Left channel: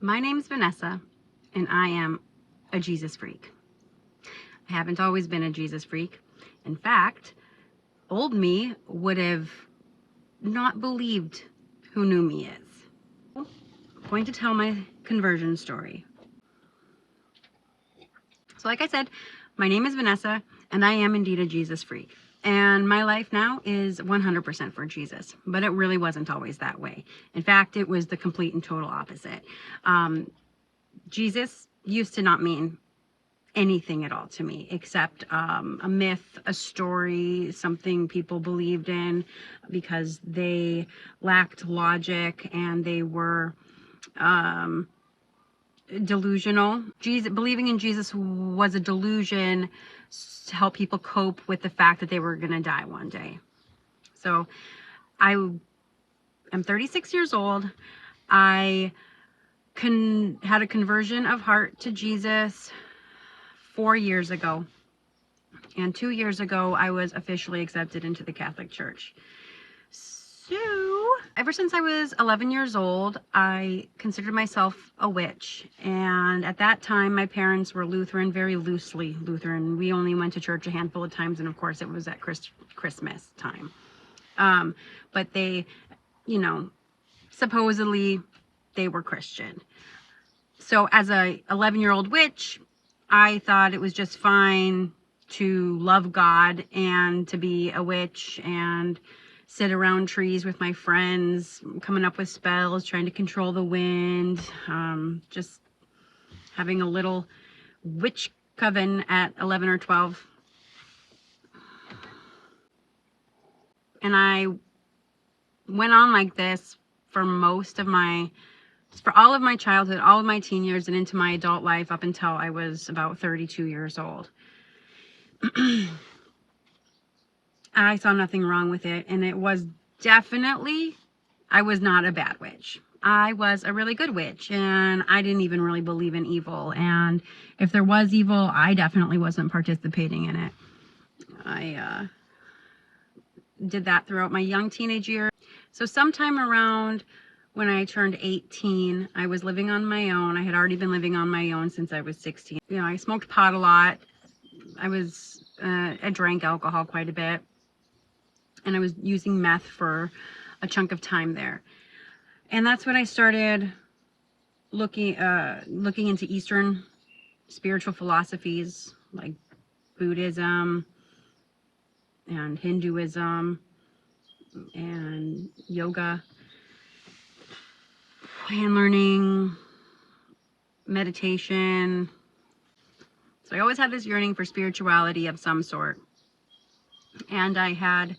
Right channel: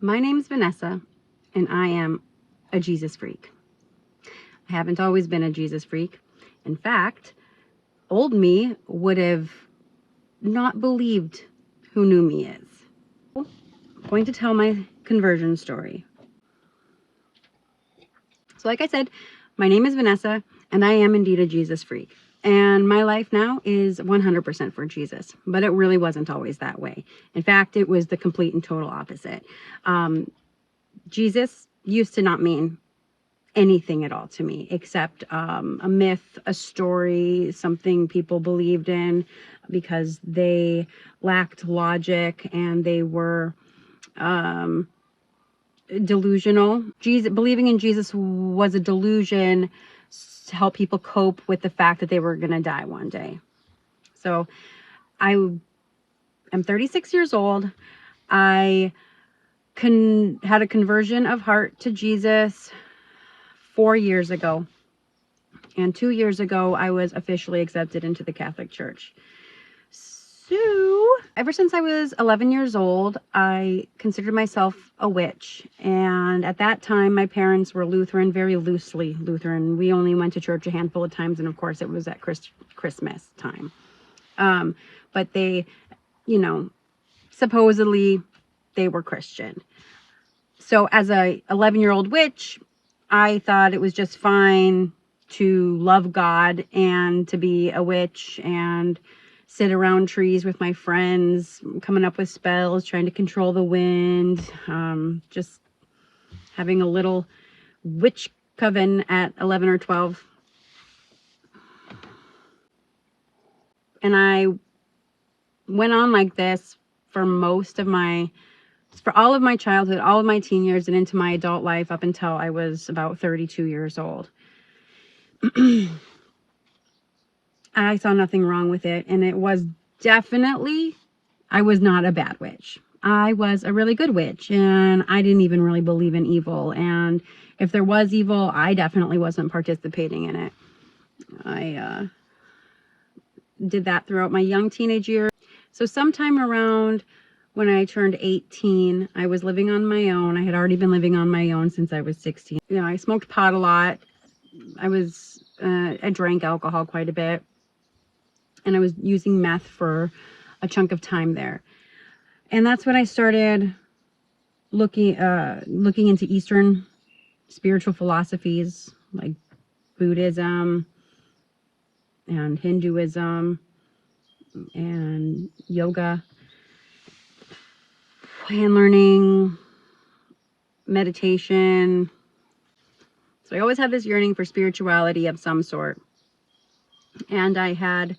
My name's Vanessa, and I am a Jesus freak. I haven't always been a Jesus freak. In fact, old me would have not believed who new me is. I'm going to tell my conversion story. So like I said, my name is Vanessa, and I am indeed a Jesus freak. And my life now is 100% for Jesus, but it really wasn't always that way. In fact, it was the complete and total opposite. Jesus used to not mean anything at all to me except a myth, a story, something people believed in because they lacked logic and they were delusional. Believing in Jesus was a delusion to help people cope with the fact that they were going to die one day. So I am 36 years old. I had a conversion of heart to Jesus 4 years ago. And 2 years ago, I was officially accepted into the Catholic Church. So, ever since I was 11 years old, I considered myself a witch. And at that time, my parents were Lutheran, very loosely Lutheran. We only went to church a handful of times, and of course, it was at Christmas time. But they, supposedly they were Christian. So, as a 11-year-old witch, I thought it was just fine to love God and to be a witch and sit around trees with my friends, coming up with spells, trying to control the wind, just having a little witch coven at 11 or 12. And I went on like this for all of my childhood, all of my teen years, and into my adult life up until I was about 32 years old. I saw nothing wrong with it, and it was definitely, I was not a bad witch. I was a really good witch, and I didn't even really believe in evil, and if there was evil, I definitely wasn't participating in it. I did that throughout my young teenage years. So sometime around when I turned 18, I was living on my own. I had already been living on my own since I was 16. I smoked pot a lot. I drank alcohol quite a bit. And I was using meth for a chunk of time there. And that's when I started looking into Eastern spiritual philosophies like Buddhism and Hinduism and yoga, hand learning, meditation. So I always had this yearning for spirituality of some sort. And I had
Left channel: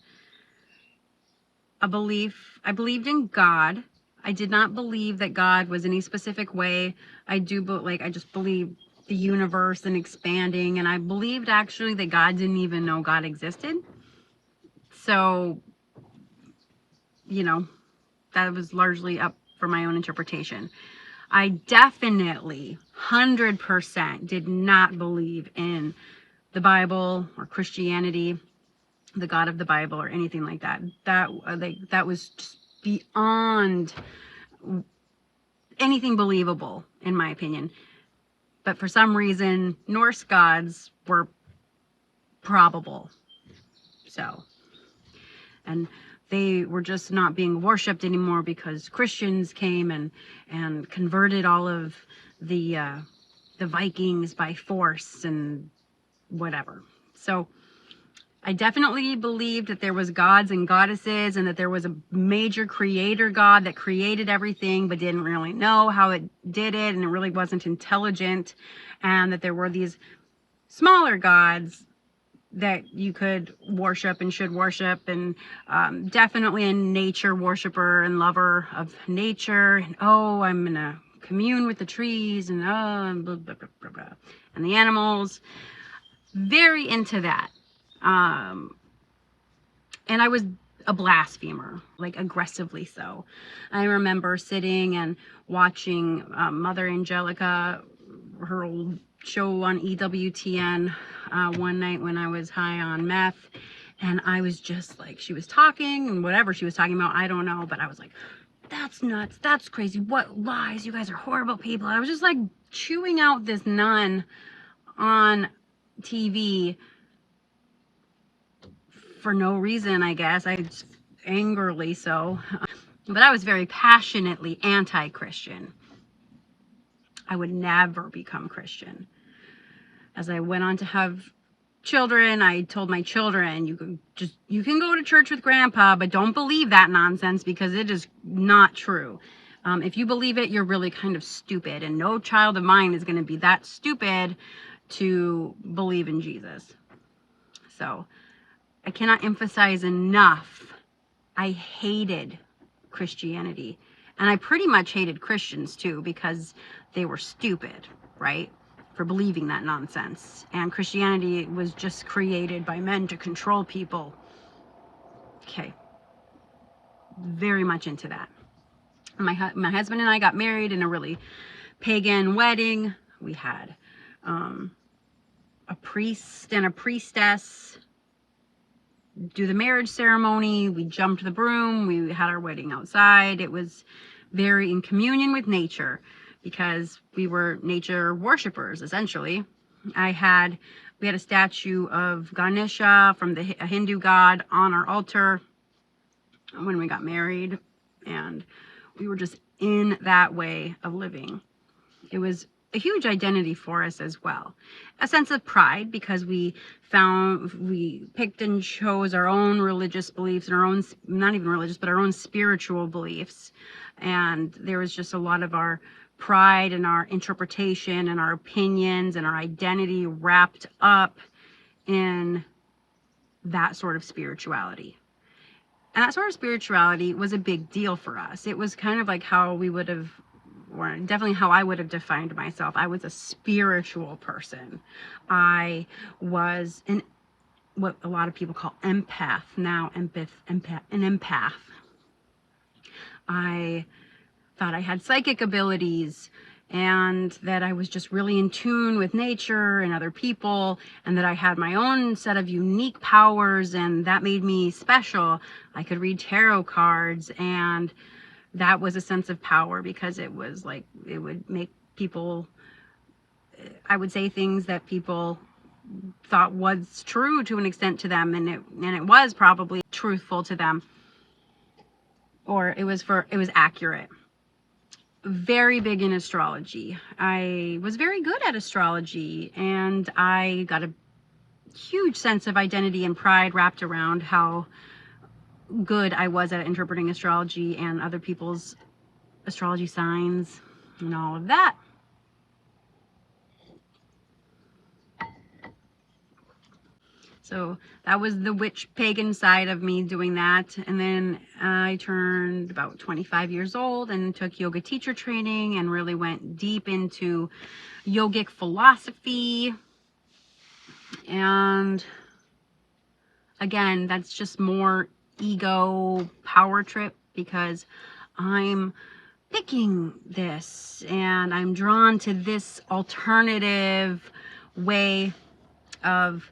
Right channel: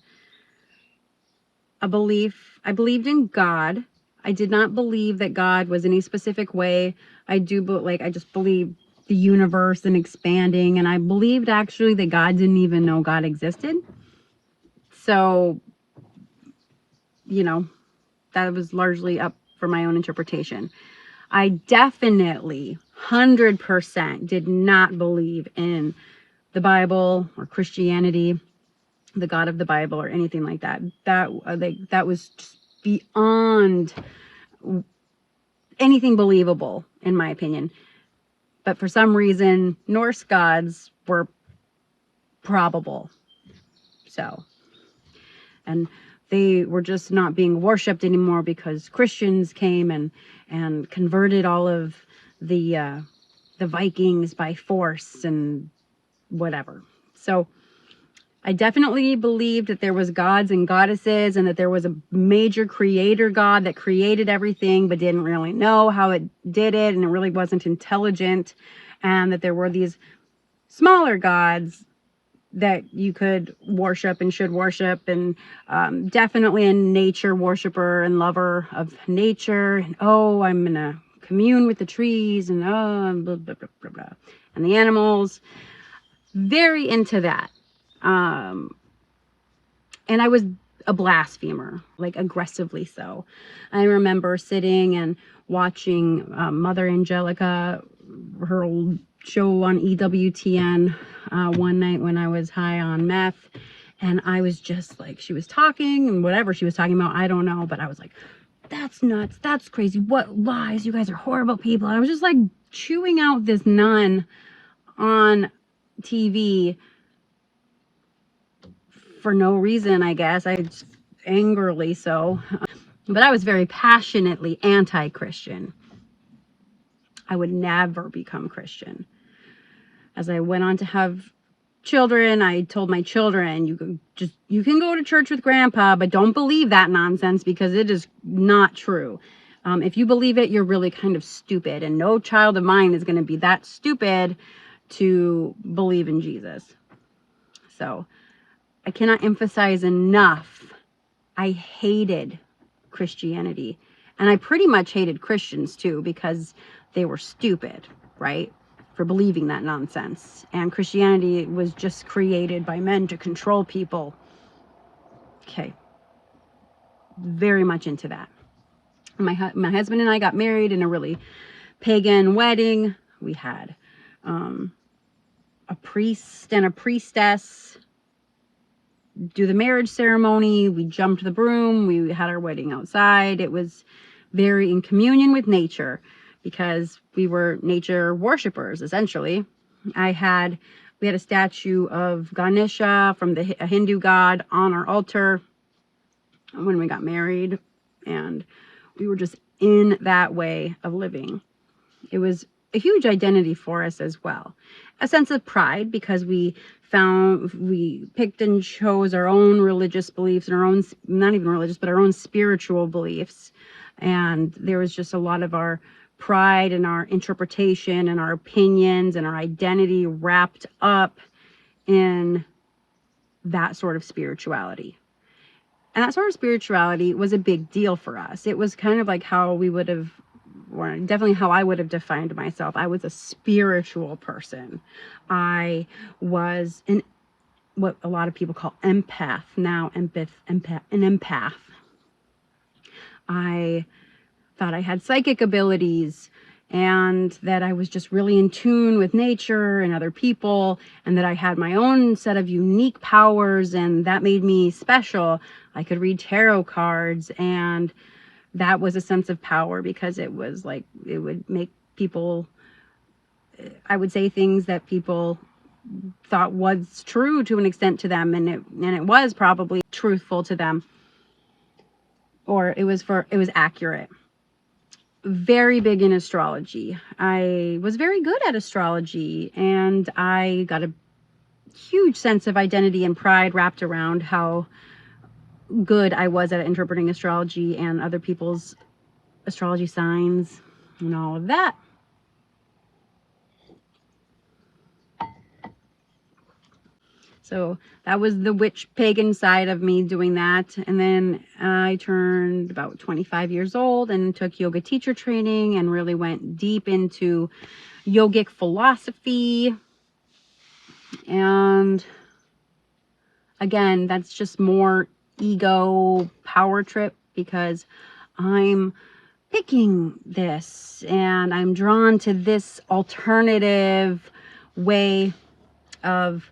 a belief. I believed in God. I did not believe that God was any specific way. I just believed the universe and expanding. And I believed actually that God didn't even know God existed. So, that was largely up for my own interpretation. I definitely 100% did not believe in the Bible or Christianity, the God of the Bible or anything like that. That was just beyond anything believable, in my opinion. But for some reason, Norse gods were probable. So, and they were just not being worshipped anymore because Christians came and converted all of the Vikings by force and whatever. So I definitely believed that there was gods and goddesses and that there was a major creator God that created everything but didn't really know how it did it, and it really wasn't intelligent, and that there were these smaller gods that you could worship and should worship, and definitely a nature worshiper and lover of nature, and I'm gonna commune with the trees, and and blah, blah, blah, blah, blah, and the animals. Very into that. And I was a blasphemer, like aggressively so. I remember sitting and watching Mother Angelica, her old show on EWTN one night when I was high on meth, and I was just like, she was talking and whatever she was talking about, I don't know, but I was like, that's nuts. That's crazy. What lies? You guys are horrible people. And I was just like chewing out this nun on TV for no reason, I guess. Angrily so. But I was very passionately anti-Christian. I would never become Christian. As I went on to have children, I told my children, you can go to church with grandpa, but don't believe that nonsense because it is not true. If you believe it, you're really kind of stupid, and no child of mine is going to be that stupid to believe in Jesus. So I cannot emphasize enough. I hated Christianity, and I pretty much hated Christians too because they were stupid, right? For believing that nonsense. And Christianity was just created by men to control people. Okay. Very much into that. My husband and I got married in a really pagan wedding. We had a priest and a priestess do the marriage ceremony. We jumped the broom. We had our wedding outside. It was very in communion with nature because we were nature worshipers, essentially. We had a statue of Ganesha from a Hindu god on our altar when we got married, and we were just in that way of living. It was a huge identity for us as well. A sense of pride because we picked and chose our own religious beliefs and our own, not even religious, but our own spiritual beliefs. And there was just a lot of our pride and our interpretation and our opinions and our identity wrapped up in that sort of spirituality. And that sort of spirituality was a big deal for us. It was kind of like how we would have, or definitely how I would have defined myself. I was a spiritual person. I was what a lot of people call empath now, an empath. I thought I had psychic abilities and that I was just really in tune with nature and other people, and that I had my own set of unique powers, and that made me special. I could read tarot cards, and that was a sense of power because it was like, it would make people, I would say things that people thought was true to an extent to them, and it was probably truthful to them, or it was accurate. Very big in astrology. I was very good at astrology, and I got a huge sense of identity and pride wrapped around how good I was at interpreting astrology and other people's astrology signs and all of that. So that was the witch pagan side of me doing that. And then I turned about 25 years old and took yoga teacher training and really went deep into yogic philosophy. And again, that's just more ego power trip because I'm picking this and I'm drawn to this alternative way of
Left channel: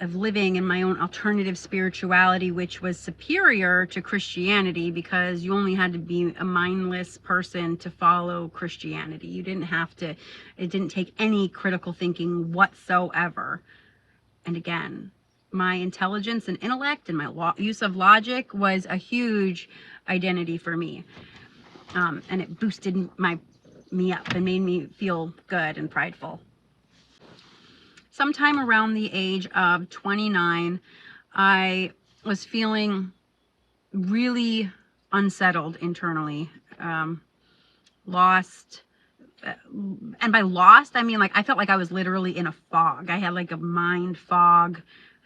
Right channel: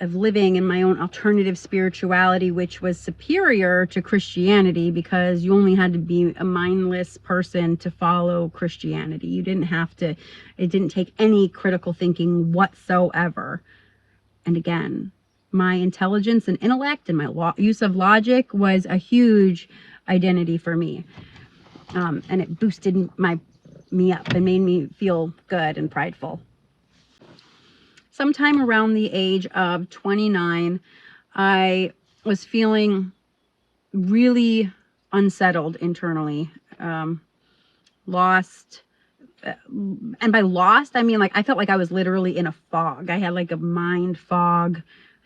living in my own alternative spirituality, which was superior to Christianity because you only had to be a mindless person to follow Christianity. You didn't have to, it didn't take any critical thinking whatsoever. And again, my intelligence and intellect and my use of logic was a huge identity for me. And it boosted me up and made me feel good and prideful. Sometime around the age of 29, I was feeling really unsettled internally, lost. And by lost, I mean, like, I felt like I was literally in a fog. I had like a mind fog.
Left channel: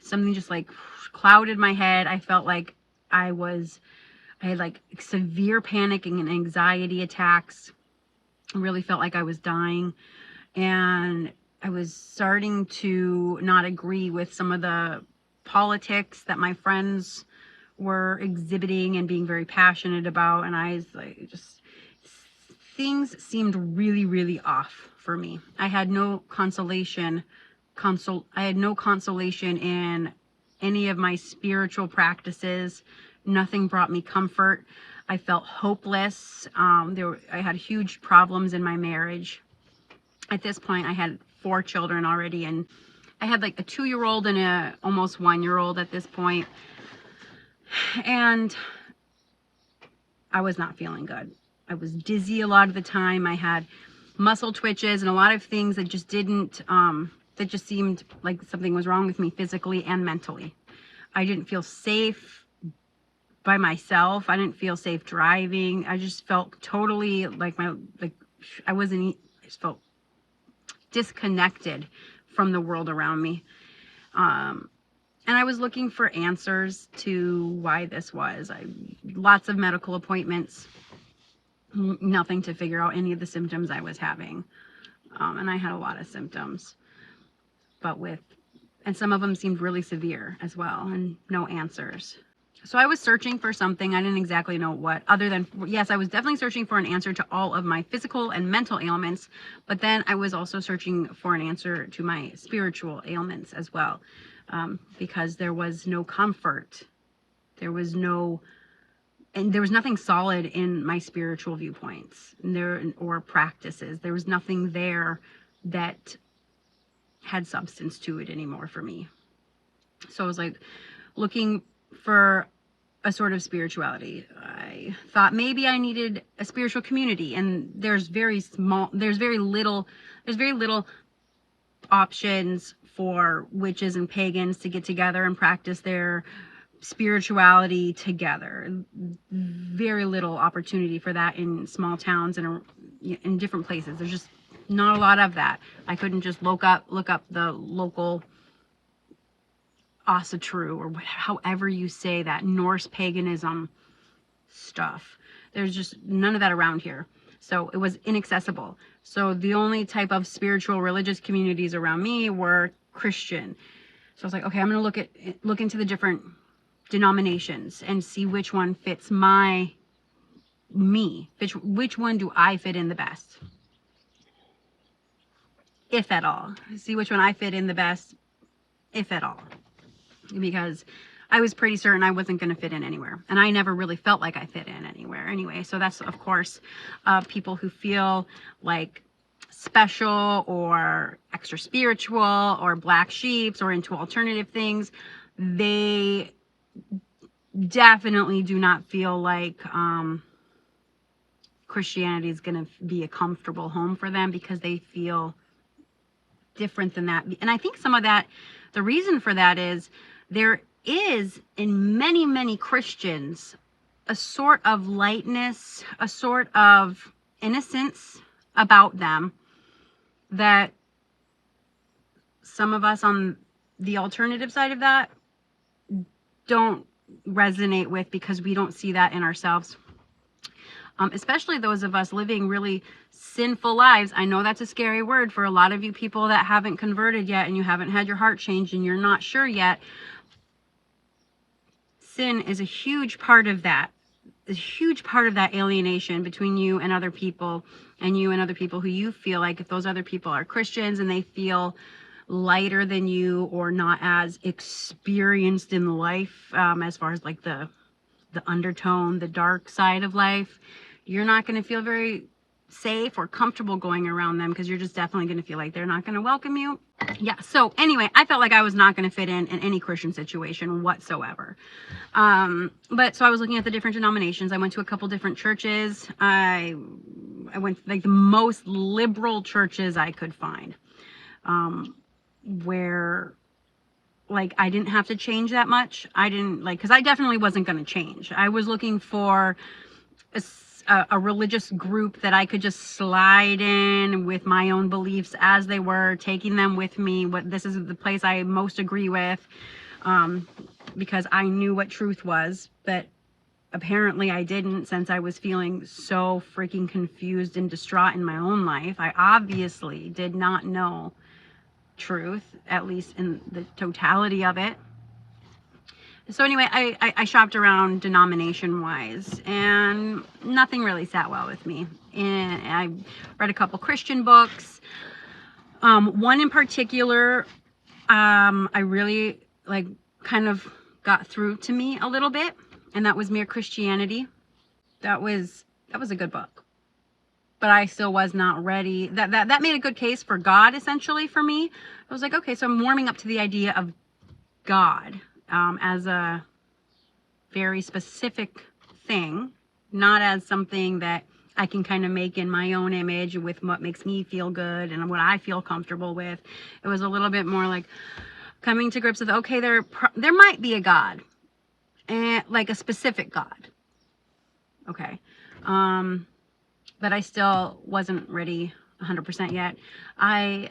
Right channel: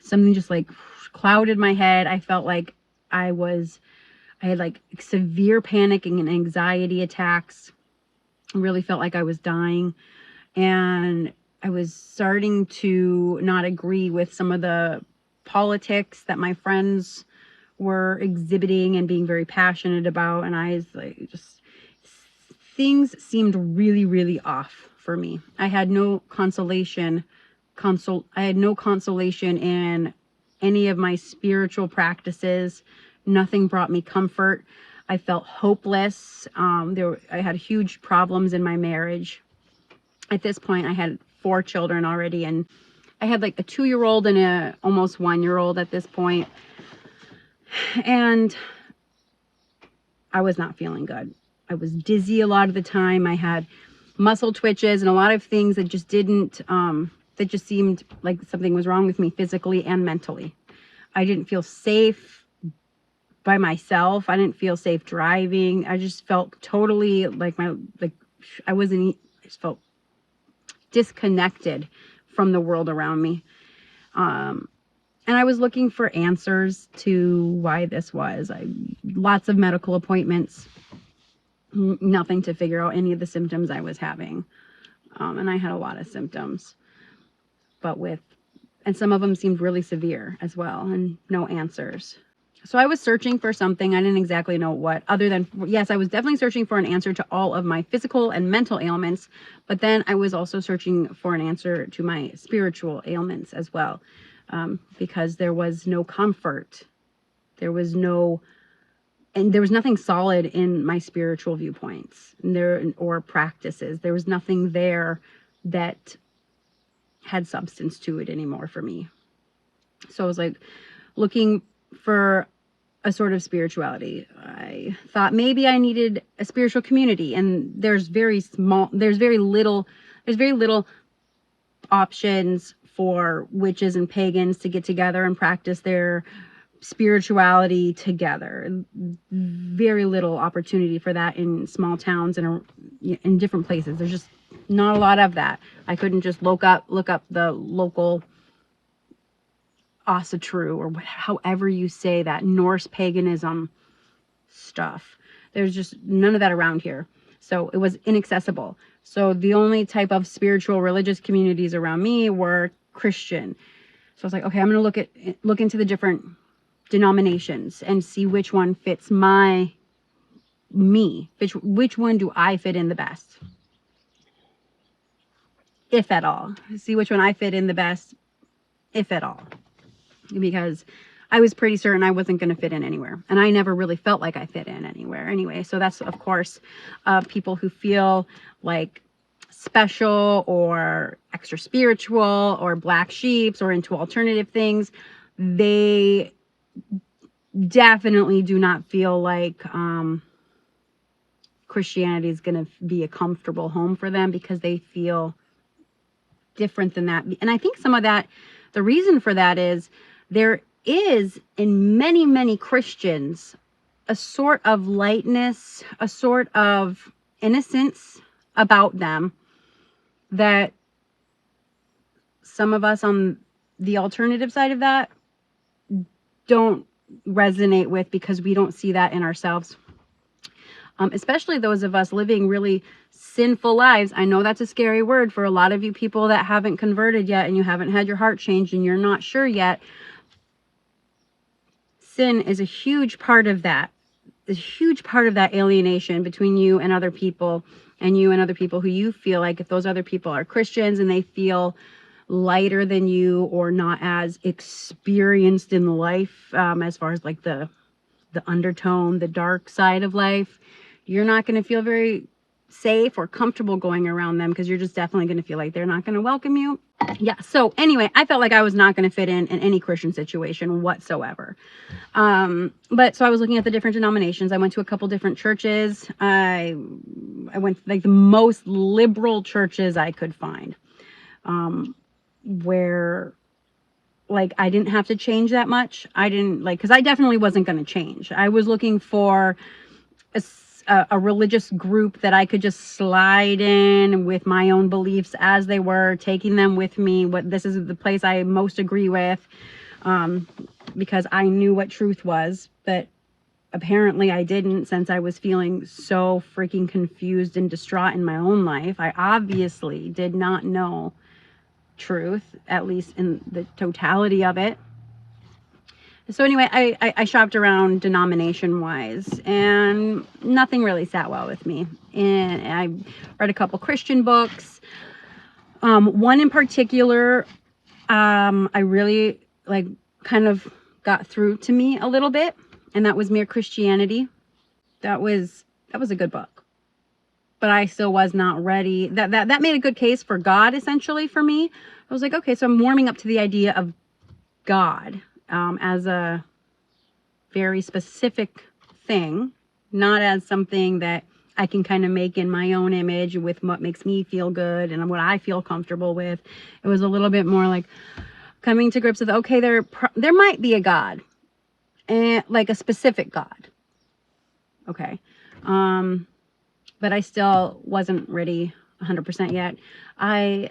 Something just like clouded my head. I felt like I had like severe panic and anxiety attacks. I really felt like I was dying. And I was starting to not agree with some of the politics that my friends were exhibiting and being very passionate about. And I was like, things seemed really, really off for me. I had no consolation in any of my spiritual practices. Nothing brought me comfort. I felt hopeless. I had huge problems in my marriage. At this point, I had 4 children already, and I had like a 2-year-old and a almost 1-year-old at this point. And I was not feeling good. I was dizzy a lot of the time. I had muscle twitches and a lot of things that just didn't, that just seemed like something was wrong with me physically and mentally. I didn't feel safe by myself. I didn't feel safe driving. I just felt totally like I just felt disconnected from the world around me. And I was looking for answers to why this was. Lots of medical appointments, nothing to figure out any of the symptoms I was having. And I had a lot of symptoms, and some of them seemed really severe as well, and no answers. So I was searching for something. I didn't exactly know what, other than, yes, I was definitely searching for an answer to all of my physical and mental ailments, but then I was also searching for an answer to my spiritual ailments as well, because there was no comfort. There was nothing solid in my spiritual viewpoints or practices. There was nothing there that had substance to it anymore for me. So I was like looking for a sort of spirituality. I thought maybe I needed a spiritual community, and there's very little options for witches and pagans to get together and practice their spirituality together. Very little opportunity for that in small towns and in different places. There's just not a lot of that. I couldn't just look up the local Asatru, or however you say that, Norse paganism stuff. There's just none of that around here. So it was inaccessible. So the only type of spiritual religious communities around me were Christian. So I was like, okay, I'm going to look into the different denominations and see which one fits me. Which one do I fit in the best? If at all. See which one I fit in the best, if at all. Because I was pretty certain I wasn't going to fit in anywhere. And I never really felt like I fit in anywhere anyway. So that's, of course, people who feel like special or extra spiritual or black sheeps or into alternative things. They definitely do not feel like Christianity is going to be a comfortable home for them, because they feel different than that. And I think some of that, the reason for that is there is in many, many Christians a sort of lightness, a sort of innocence about them that some of us on the alternative side of that don't resonate with, because we don't see that in ourselves. Especially those of us living really sinful lives. I know that's a scary word for a lot of you people that haven't converted yet and you haven't had your heart changed and you're not sure yet. Sin is a huge part of that. A huge part of that alienation between you and other people, and you and other people who you feel like, if those other people are Christians and they feel lighter than you or not as experienced in life, as far as like the undertone, the dark side of life, you're not going to feel very safe or comfortable going around them, because you're just definitely going to feel like they're not going to welcome you. Yeah. So anyway, I felt like I was not going to fit in any Christian situation whatsoever. But so I was looking at the different denominations. I went to a couple different churches. I went to like the most liberal churches I could find, where like I didn't have to change that much. Because I definitely wasn't going to change. I was looking for a religious group that I could just slide in with my own beliefs as they were, taking them with me. This is the place I most agree with, because I knew what truth was, but apparently I didn't, since I was feeling so freaking confused and distraught in my own life. I obviously did not know truth, at least in the totality of it. So anyway, I shopped around denomination wise, and nothing really sat well with me. And I read a couple Christian books. One in particular, I really kind of got through to me a little bit, and that was Mere Christianity. That was a good book. But I still was not ready. That made a good case for God, essentially, for me. I was like, okay, so I'm warming up to the idea of God as a very specific thing, not as something that I can kind of make in my own image with what makes me feel good and what I feel comfortable with. It was a little bit more like coming to grips with, okay, there might be a God, and like a specific God. Okay. But I still wasn't ready 100% yet. I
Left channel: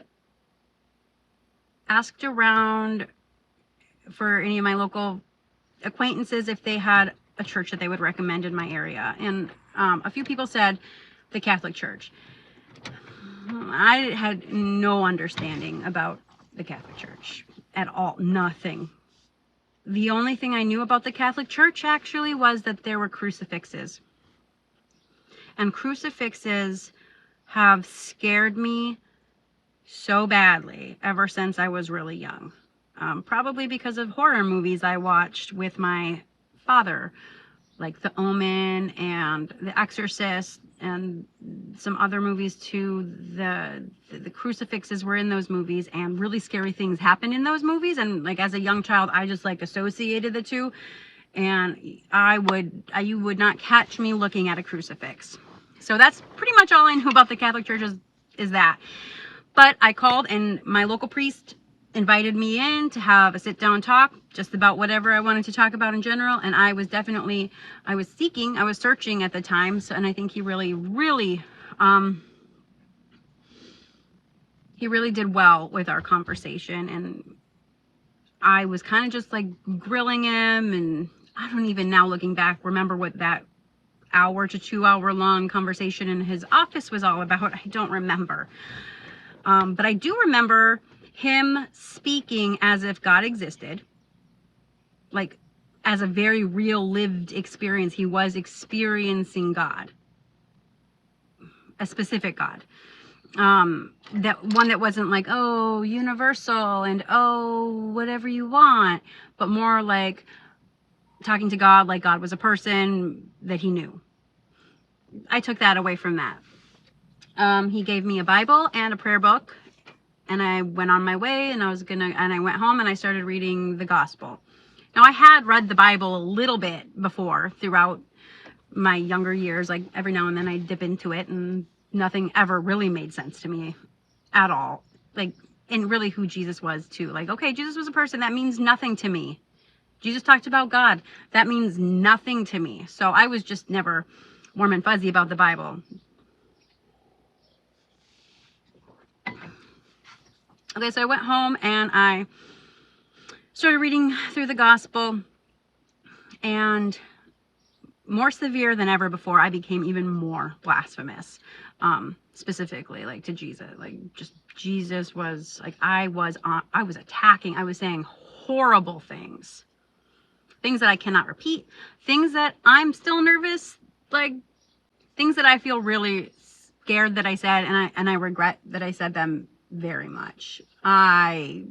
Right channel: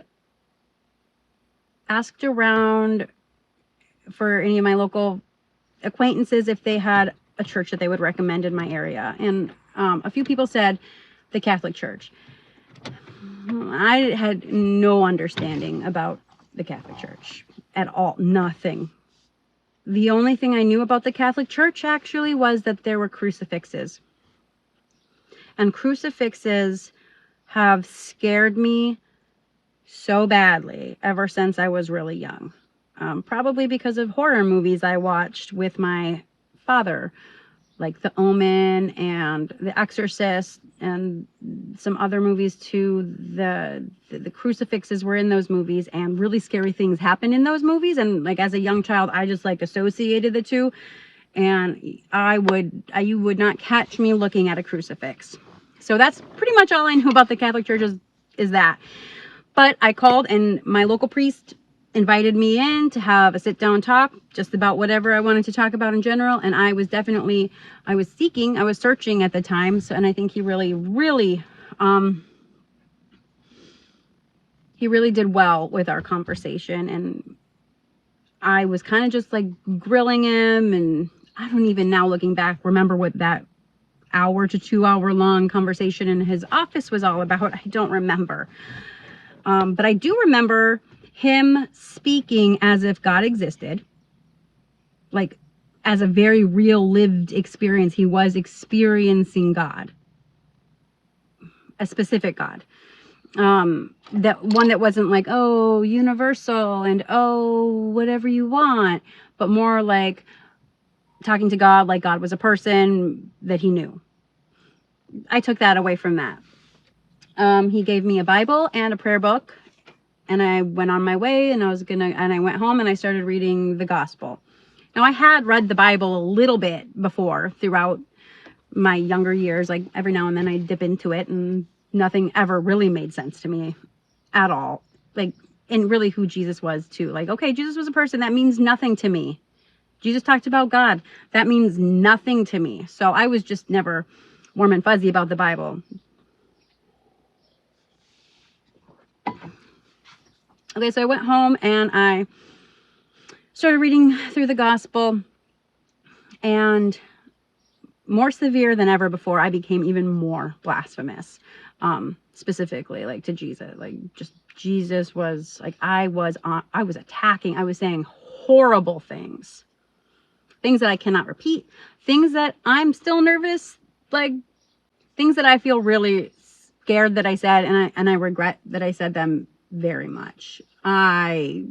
asked around for any of my local acquaintances if they had a church that they would recommend in my area. And a few people said the Catholic Church. I had no understanding about the Catholic Church at all. Nothing. The only thing I knew about the Catholic Church actually was that there were crucifixes. And crucifixes have scared me so badly ever since I was really young. Probably because of horror movies I watched with my father, like The Omen and The Exorcist and some other movies too. The crucifixes were in those movies, and really scary things happen in those movies. And like as a young child, I just like associated the two, and you would not catch me looking at a crucifix. So that's pretty much all I knew about the Catholic Church is that. But I called, and my local priest invited me in to have a sit down talk just about whatever I wanted to talk about in general. And I was searching at the time. So, and I think he really did well with our conversation. And I was kind of just like grilling him, and I don't even now looking back remember what that hour to 2 hour long conversation in his office was all about. I don't remember. But I do remember him speaking as if God existed, like as a very real lived experience. He was experiencing God, a specific God, that one that wasn't like, oh, universal and oh, whatever you want, but more like talking to God like God was a person that he knew. I took that away from that. He gave me a Bible and a prayer book, and I went on my way, and I went home and I started reading the gospel. Now, I had read the Bible a little bit before throughout my younger years. Like every now and then I dip into it, and nothing ever really made sense to me at all. Like, and really who Jesus was too. Like, okay, Jesus was a person. That means nothing to me. Jesus talked about God. That means nothing to me. So I was just never warm and fuzzy about the Bible. Okay, so I went home and I started reading through the gospel, and more severe than ever before, I became even more blasphemous, specifically like to Jesus. Like just Jesus was like, I was attacking, I was saying horrible things that I cannot repeat, things that I'm still nervous, like things that I feel really scared that I said, and I regret that I said them very much. I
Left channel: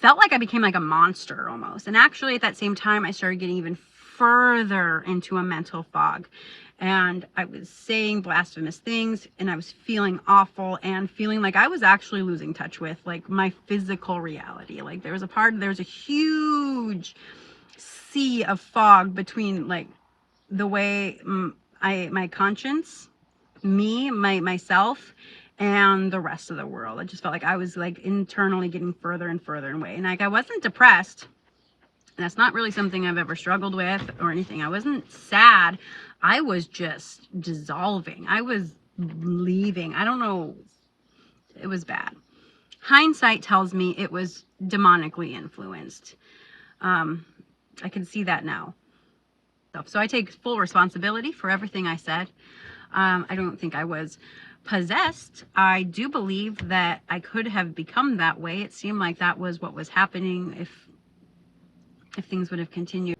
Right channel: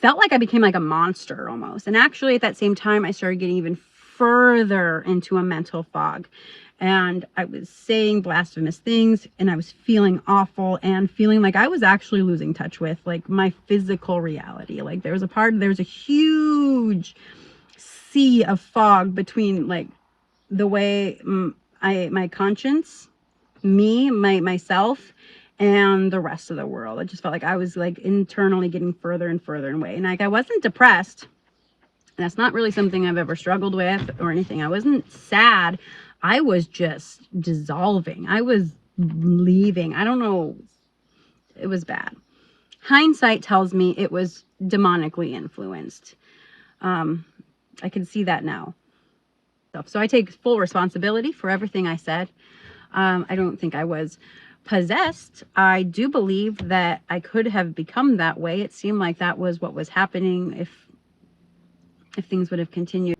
felt like I became like a monster almost. And actually at that same time, I started getting even further into a mental fog, and I was saying blasphemous things, and I was feeling awful and feeling like I was actually losing touch with like my physical reality. Like there was a huge sea of fog between like the way my conscience, myself, and the rest of the world. I just felt like I was like internally getting further and further away. And like I wasn't depressed. And that's not really something I've ever struggled with or anything. I wasn't sad. I was just dissolving. I was leaving. I don't know. It was bad. Hindsight tells me it was demonically influenced. I can see that now. So I take full responsibility for everything I said. I don't think I was possessed. I do believe that I could have become that way. It seemed like that was what was happening if things would have continued.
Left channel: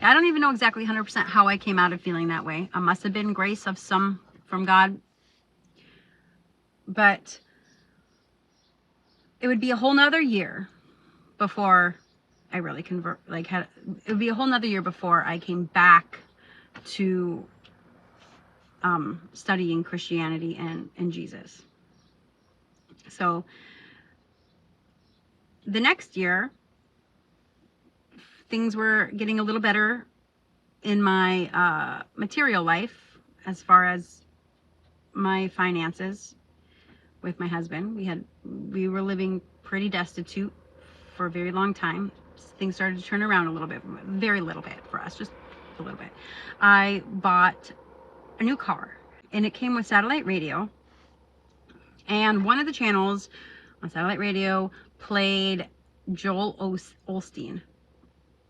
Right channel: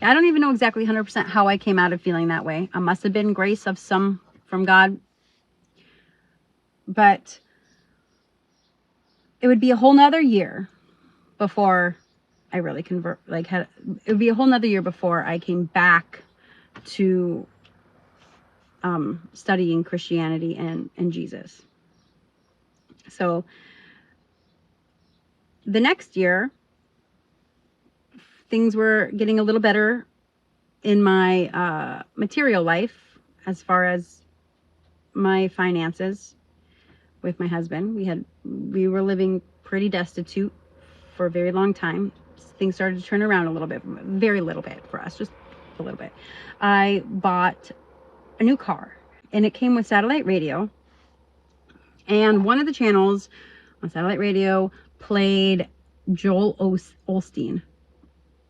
I don't even know exactly 100% how I came out of feeling that way. I must have been grace of some from God. But it would be a whole nother year before I really it would be a whole nother year before I came back to studying Christianity and Jesus. So the next year, things were getting a little better in my material life as far as my finances with my husband. We were living pretty destitute for a very long time. Things started to turn around a little bit, very little bit for us, just a little bit. I bought a new car, and it came with satellite radio, and one of the channels on satellite radio played Joel Osteen.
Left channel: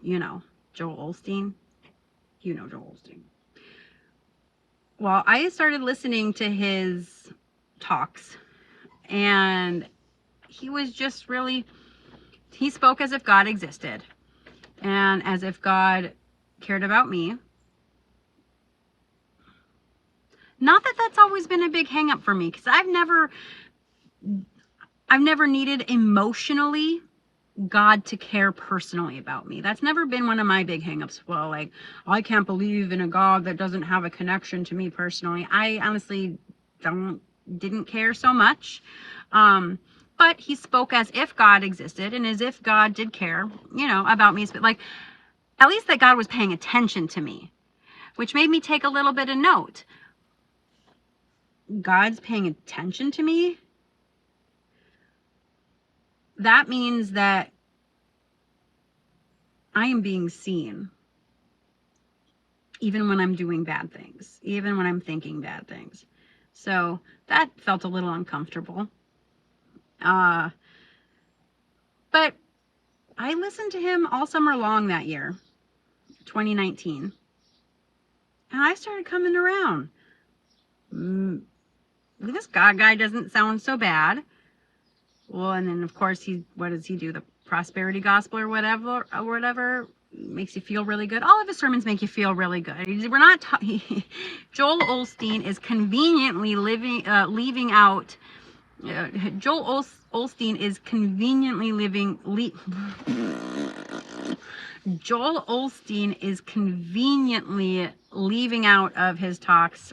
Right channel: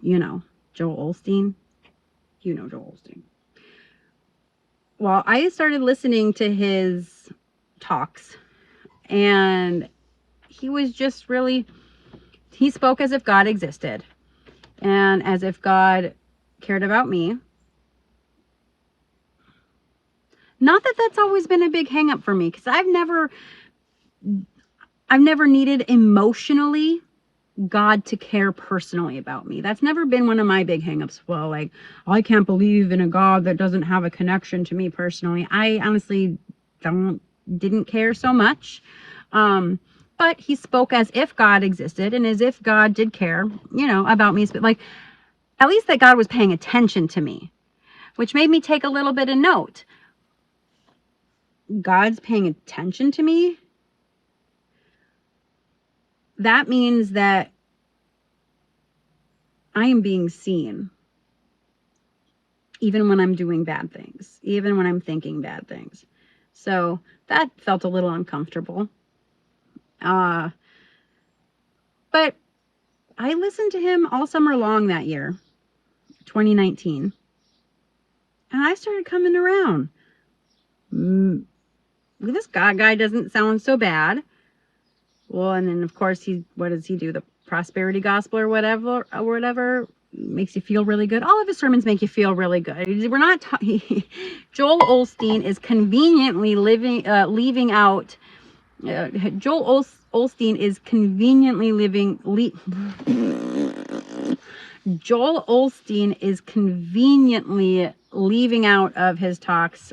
You know Joel Osteen. You know Joel Osteen. Well, I started listening to his talks, and he was just really, he spoke as if God existed and as if God cared about me. Not that that's always been a big hang up for me, because I've never needed emotionally God to care personally about me. That's never been one of my big hang-ups. Well, like, I can't believe in a God that doesn't have a connection to me personally. I honestly didn't care so much. But he spoke as if God existed and as if God did care, about me. But like, at least that God was paying attention to me, which made me take a little bit of note. God's paying attention to me. That means that I am being seen, even when I'm doing bad things, even when I'm thinking bad things. So that felt a little uncomfortable. But I listened to him all summer long that year, 2019, and I started coming around. This God guy doesn't sound so bad. Well, and then of course what does he do? The prosperity gospel or whatever makes you feel really good. All of his sermons make you feel really good. We're not Joel Osteen is conveniently leaving out. Joel Osteen is conveniently Joel Osteen is conveniently leaving out of his talks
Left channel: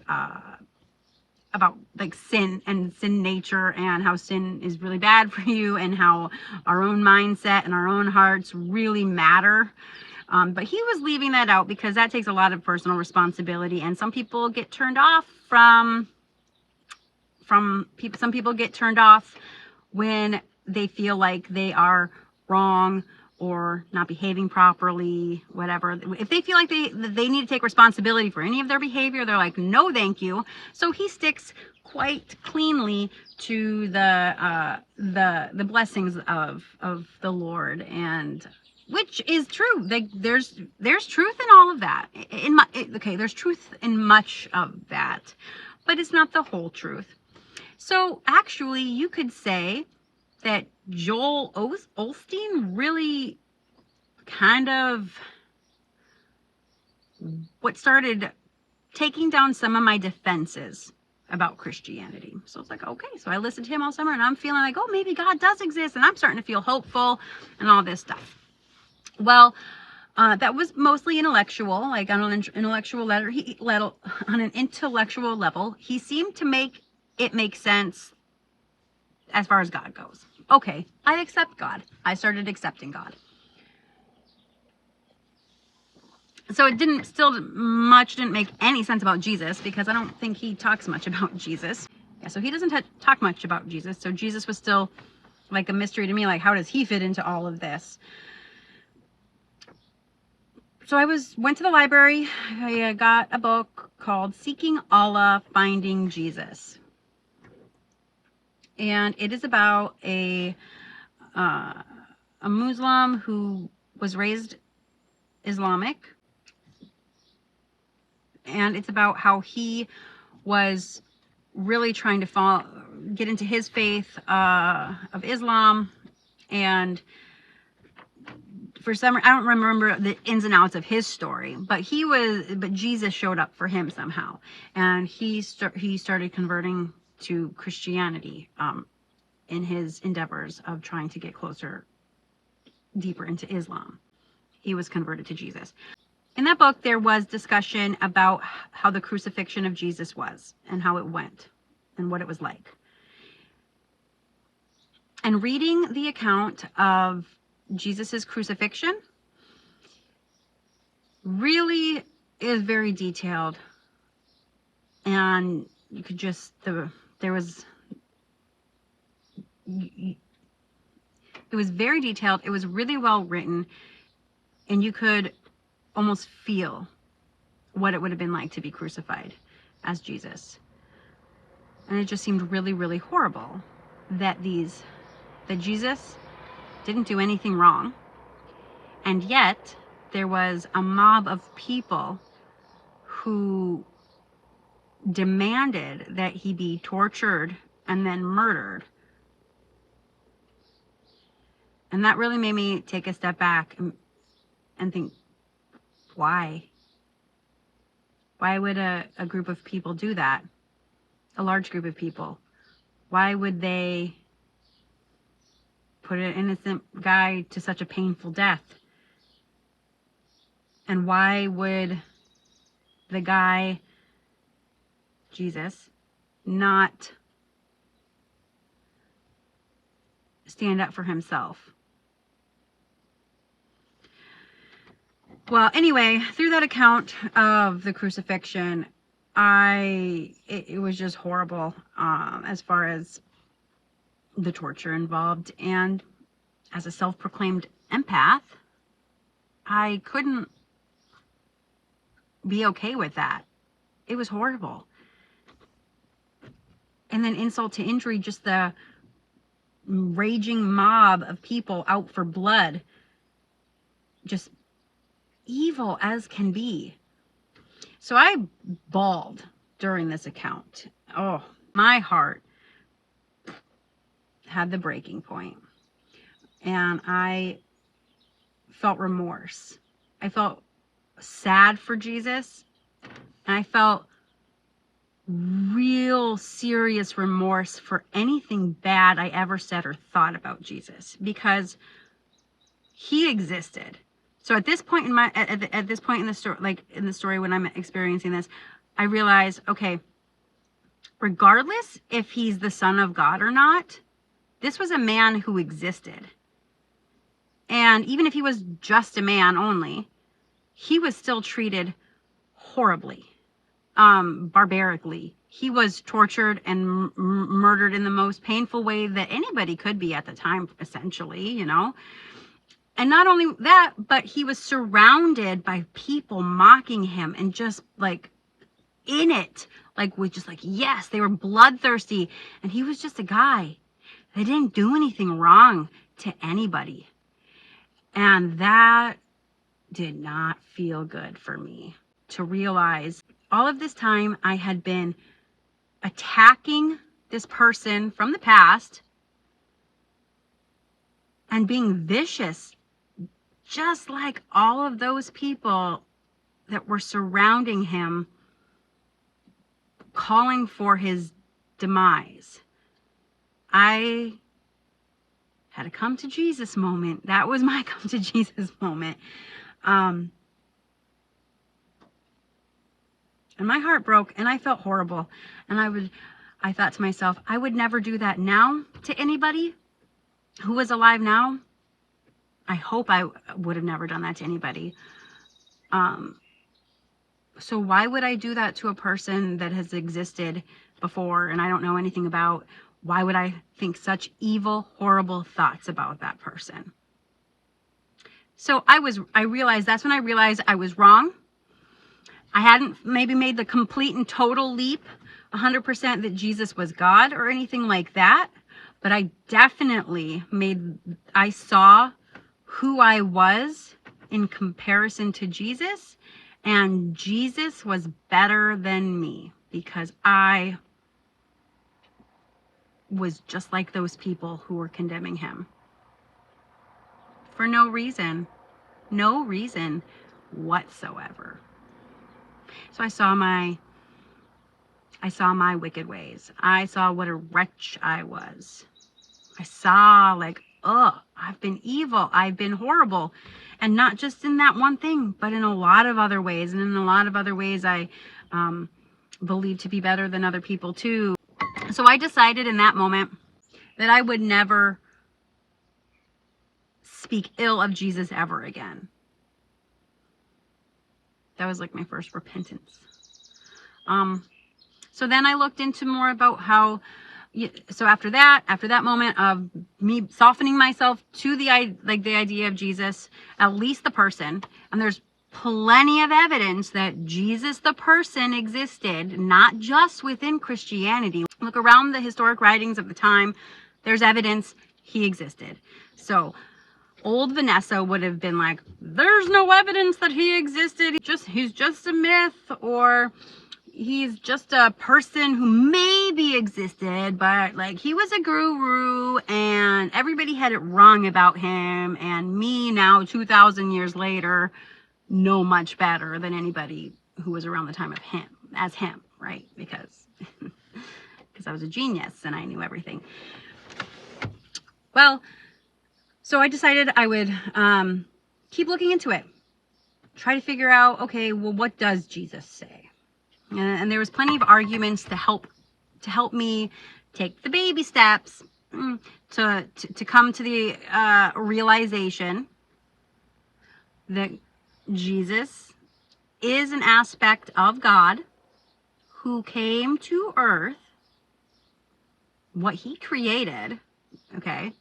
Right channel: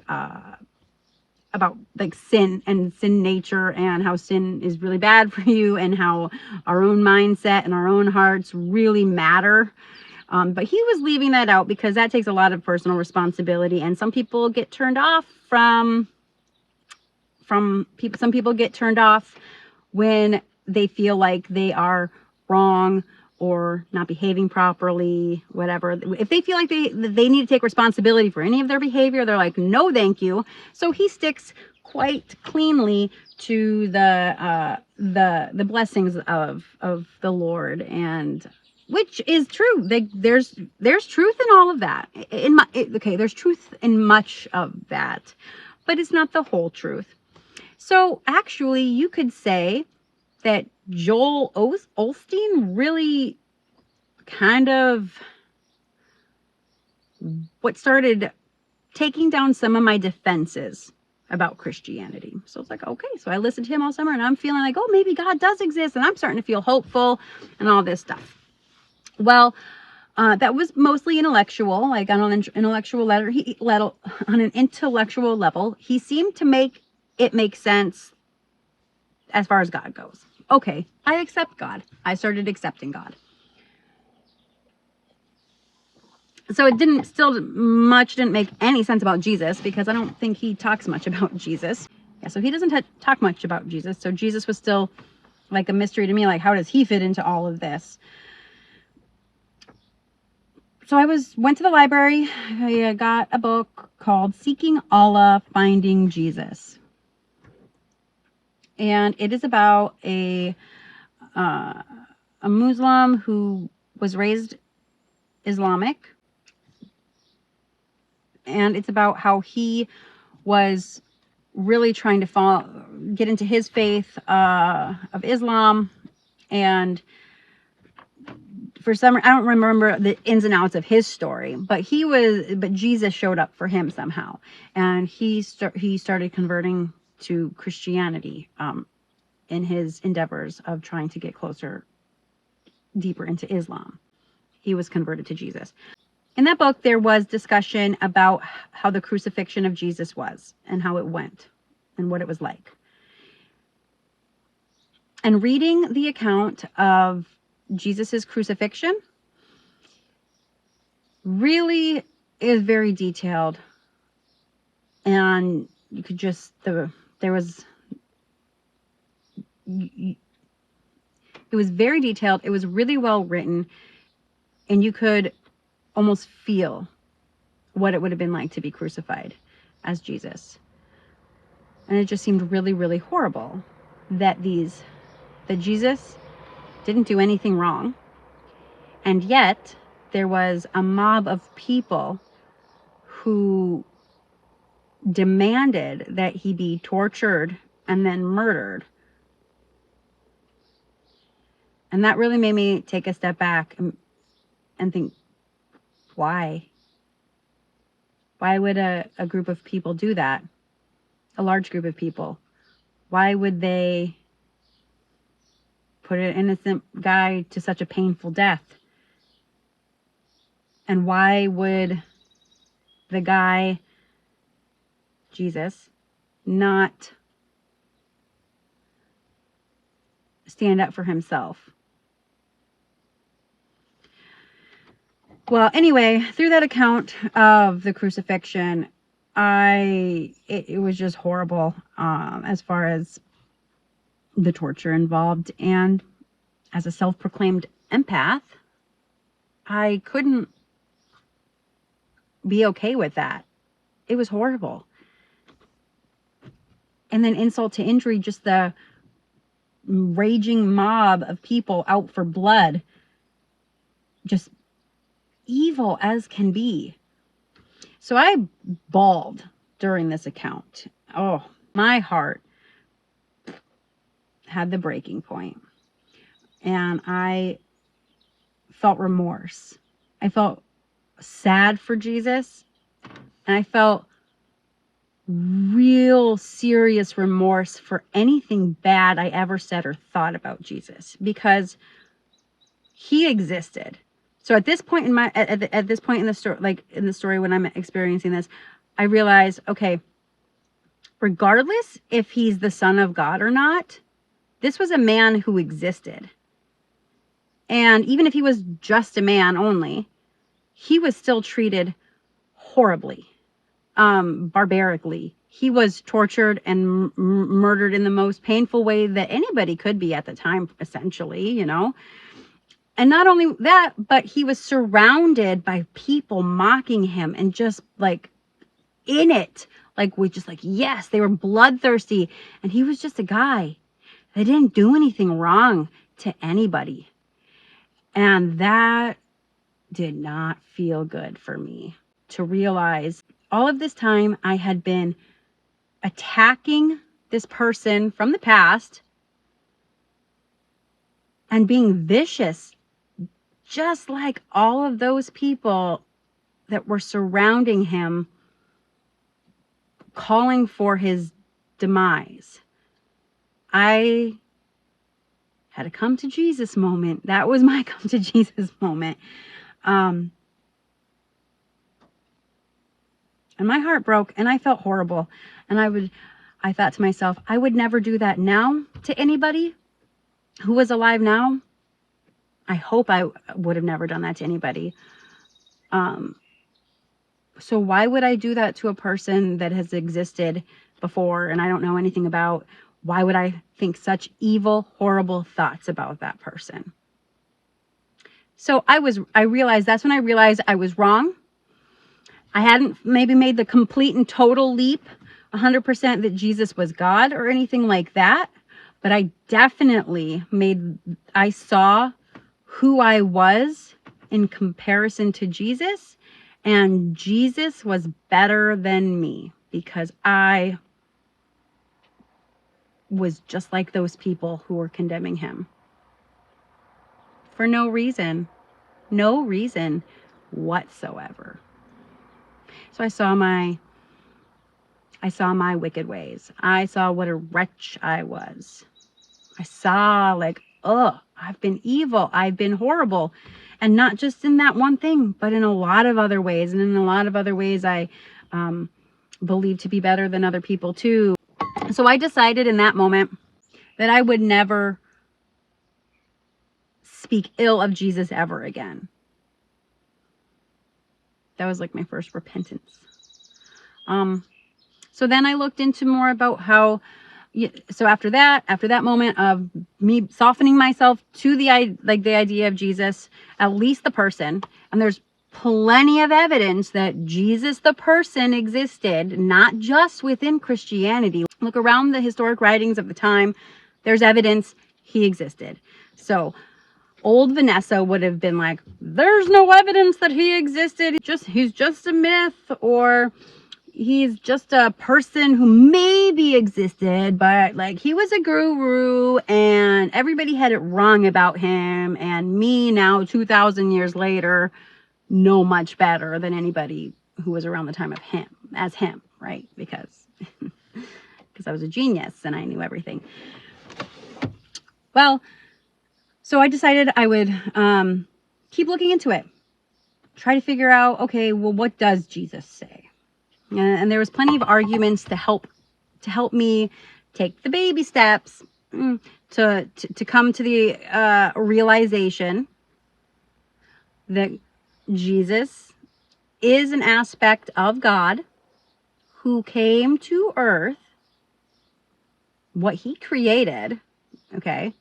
about like sin and sin nature and how sin is really bad for you and how our own mindset and our own hearts really matter. But he was leaving that out because that takes a lot of personal responsibility, and some people get turned off from people. Some people get turned off when they feel like they are wrong or not behaving properly, whatever. If they feel like they need to take responsibility for any of their behavior, they're like, no, thank you. So he sticks quite cleanly to the blessings of the Lord, and which is true. There's truth in all of that. There's truth in much of that, but it's not the whole truth. So actually, you could say that Joel Osteen really kind of what started taking down some of my defenses about Christianity. So it's like, okay, so I listened to him all summer and I'm feeling like, oh, maybe God does exist, and I'm starting to feel hopeful and all this stuff. Well, that was mostly intellectual, like on an intellectual level. He seemed to make it make sense as far as God goes. Okay, I accept God. I started accepting God. So it didn't make any sense about Jesus, because I don't think he talks much about Jesus. Yeah, so he doesn't talk much about Jesus. So Jesus was still like a mystery to me. Like, how does he fit into all of this? So I went to the library. I got a book called Seeking Allah, Finding Jesus. And it is about a Muslim who was raised Islamic. And it's about how he was really trying to get into his faith of Islam. And for some, I don't remember the ins and outs of his story, but Jesus showed up for him somehow. And he started converting to Christianity in his endeavors of trying to get deeper into Islam. He was converted to Jesus. In that book, there was discussion about how the crucifixion of Jesus was and how it went and what it was like. And reading the account of Jesus's crucifixion really is very detailed. And you could just, it was very detailed. It was really well written. And you could almost feel what it would have been like to be crucified as Jesus. And it just seemed really, really horrible that Jesus didn't do anything wrong. And yet there was a mob of people who demanded that he be tortured and then murdered. And that really made me take a step back and think, why? Why would a group of people do that? A large group of people. Why would they put an innocent guy to such a painful death? And why would the guy, Jesus, not stand up for himself? Well, anyway, through that account of the crucifixion, it was just horrible as far as the torture involved. And as a self-proclaimed empath, I couldn't be okay with that. It was horrible. And then insult to injury, just the raging mob of people out for blood, just evil as can be. So I bawled during this account. Oh, my heart had the breaking point. And I felt remorse. I felt sad for Jesus. And I felt real serious remorse for anything bad I ever said or thought about Jesus, because he existed. So at this point in at this point in the story, like in the story when I'm experiencing this, I realized, okay, regardless if he's the Son of God or not, this was a man who existed. And even if he was just a man only, he was still treated horribly, barbarically. He was tortured and murdered in the most painful way that anybody could be at the time, essentially, you know. And not only that, but he was surrounded by people mocking him and just like in it, like with just like, yes, they were bloodthirsty. And he was just a guy that didn't do anything wrong to anybody. And that did not feel good for me, to realize all of this time I had been attacking this person from the past and being vicious, just like all of those people that were surrounding him, calling for his demise. I had a come to Jesus moment. That was my come to Jesus moment. And my heart broke and I felt horrible. And I thought to myself, I would never do that now to anybody who was alive now. I hope I would have never done that to anybody. So why would I do that to a person that has existed before and I don't know anything about? Why would I think such evil, horrible thoughts about that person? So I realized, that's when I realized I was wrong. I hadn't maybe made the complete and total leap, 100% that Jesus was God or anything like that. But I definitely I saw who I was in comparison to Jesus. And Jesus was better than me because I was just like those people who were condemning him for no reason whatsoever. So I saw my wicked ways. I saw what a wretch I was. I saw like, I've been evil. I've been horrible. And not just in that one thing, but in a lot of other ways. And in a lot of other ways, I believe to be better than other people too. So I decided in that moment that I would never speak ill of Jesus ever again. That was like my first repentance. So then I looked into more about how, so after that moment of me softening myself to the idea of Jesus, at least the person, and there's plenty of evidence that Jesus the person existed, not just within Christianity. Look around the historic writings of the time, there's evidence he existed. So old Vanessa would have been like, there's no evidence that he existed. He's just a myth, or he's just a person who maybe existed, but like he was a guru and everybody had it wrong about him. And me now, 2,000 years later, know much better than anybody who was around the time of him, right? Because I was a genius and I knew everything. Well, so I decided I would keep looking into it. Try to figure out, okay, well, what does Jesus say? And there was plenty of arguments to help me take the baby steps to come to the realization that Jesus is an aspect of God who came to earth, what he created, okay,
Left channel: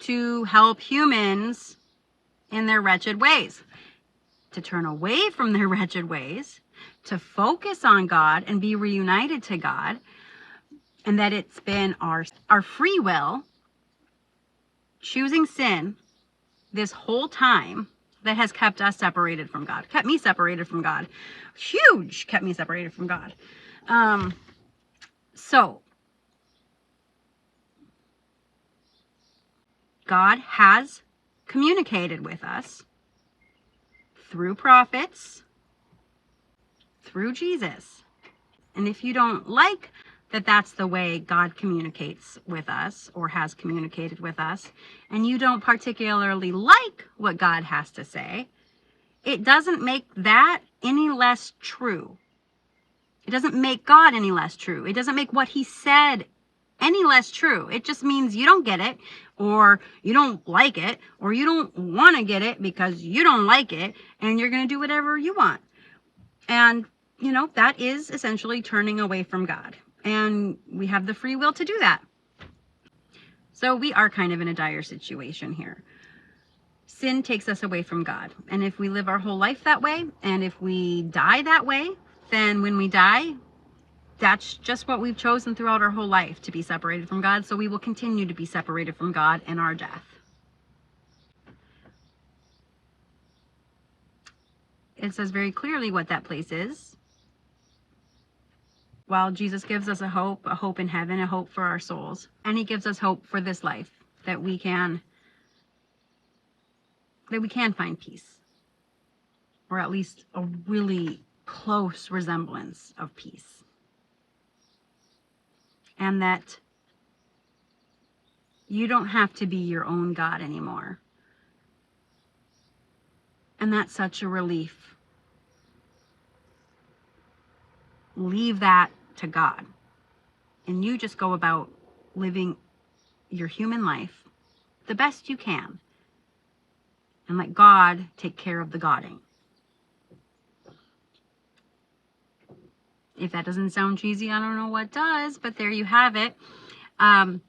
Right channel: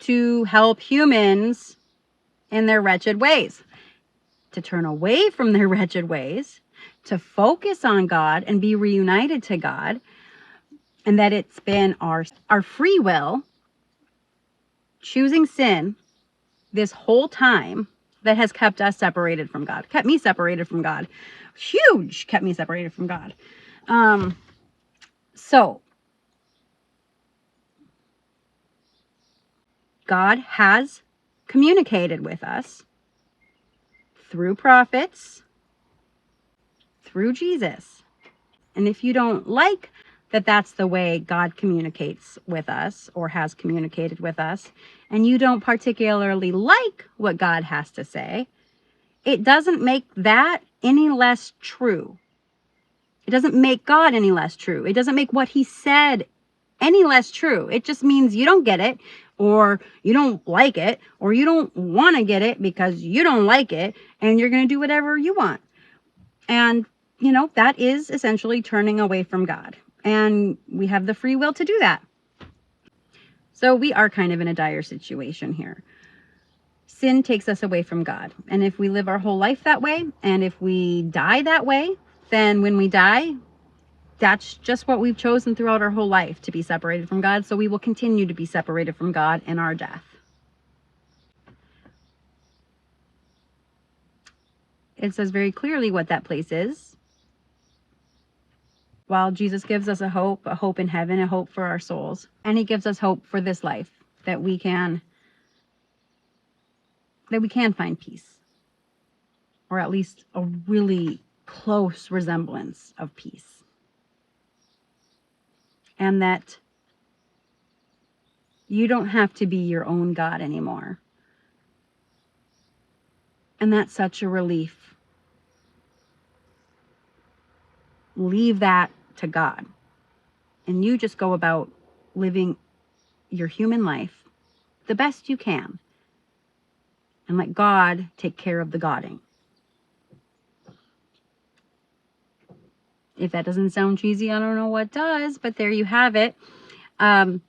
to help humans in their wretched ways, to turn away from their wretched ways, to focus on God and be reunited to God, and that it's been our free will choosing sin this whole time that has kept us separated from God, kept me separated from God, kept me separated from God. So God has communicated with us through prophets, through Jesus. And if you don't like that that's the way God communicates with us or has communicated with us, and you don't particularly like what God has to say, it doesn't make that any less true. It doesn't make God any less true. It doesn't make what he said any less true. It just means you don't get it, or you don't like it, or you don't want to get it because you don't like it, and you're going to do whatever you want. And, that is essentially turning away from God. And we have the free will to do that. So we are kind of in a dire situation here. Sin takes us away from God. And if we live our whole life that way, and if we die that way, then when we die, that's just what we've chosen throughout our whole life, to be separated from God. So we will continue to be separated from God in our death. It says very clearly what that place is. While Jesus gives us a hope in heaven, a hope for our souls. And he gives us hope for this life, that we can find peace. Or at least a really close resemblance of peace. And that you don't have to be your own God anymore. And that's such a relief. Leave that to God. And you just go about living your human life the best you can. And let God take care of the Godding. If that doesn't sound cheesy, I don't know what does, but there you have it. That's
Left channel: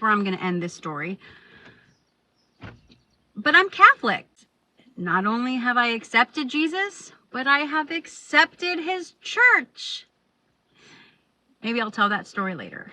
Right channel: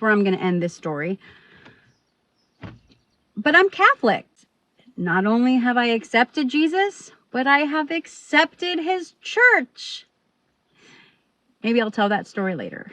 where I'm going to end this story. But I'm Catholic. Not only have I accepted Jesus, but I have accepted his church. Maybe I'll tell that story later.